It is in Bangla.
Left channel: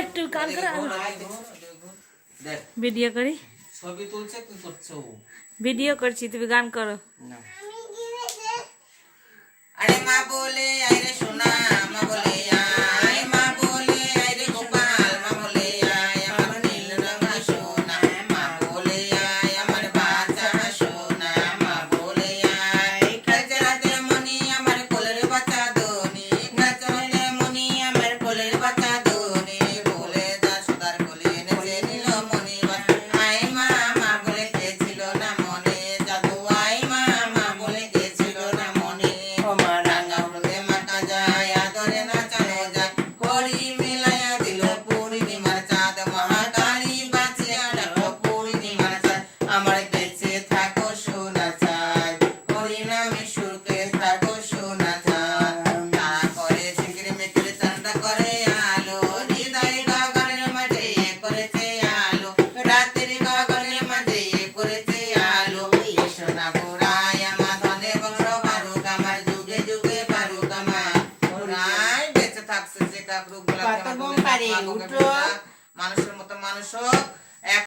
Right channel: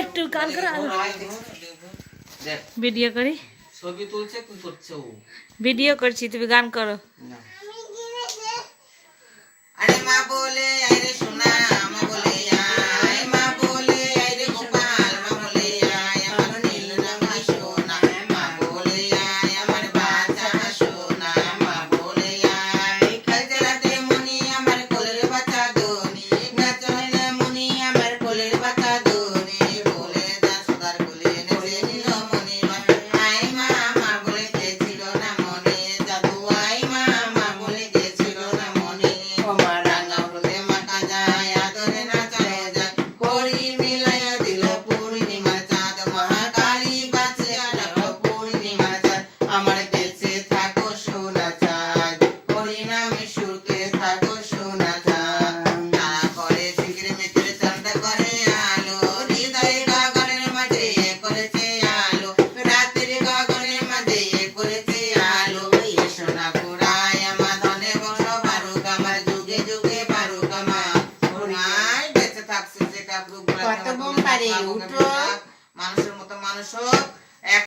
একটু গান করে ভিডিও করি ছবি তুলছে কি করছে ও ভিডিও করছি তুমি গান করো আরে মা বলে আইরে সোনা মা বলে আয় মা বলে আইরে গোপাল মা বলে আয় আমার নীল রঙের সোনা মা বলে আয় আমার বাচ্চা সোনা মা বলে আয় কাজরাতে মনি আমার কোলের বাচ্চা দোনি নাচলে মনি আমার কোলের বাচ্চা দোনি বলে দা সুদার কোলে এনেছে নীল মনি আয় মা মা বলে গেছিল না মনে জাদু আয় মা মা বলে গেছিল না মনে ও মা রাঙা হলুদে মাখা যায় আদরে নাচানো যায় করি মিলাইয়া দিল পূর্ণিমার চাঁদ মহাকালী বাঁচে আলো পূর্ণিমার চাঁদ আমার দেশে থাকো সোনা চাঁদ হরিনামে সুখে থাকো সোনা চাঁদ তারা করে শিগির মিত্রে চাঁদা করে আলো হৃদয় গগনের মাঝে করেছে আলো রাতের গগনের মাঝে করেছে আলো এই সোনা ঘুরায় আমার ধনে বড় বারুক আমার যুগে যুগে বারুক আমার ঘুরায় বেঁচে থাকছে যে কাপড় কত বোম পারে, উঠো। মানুষের মতো মানুষ হোক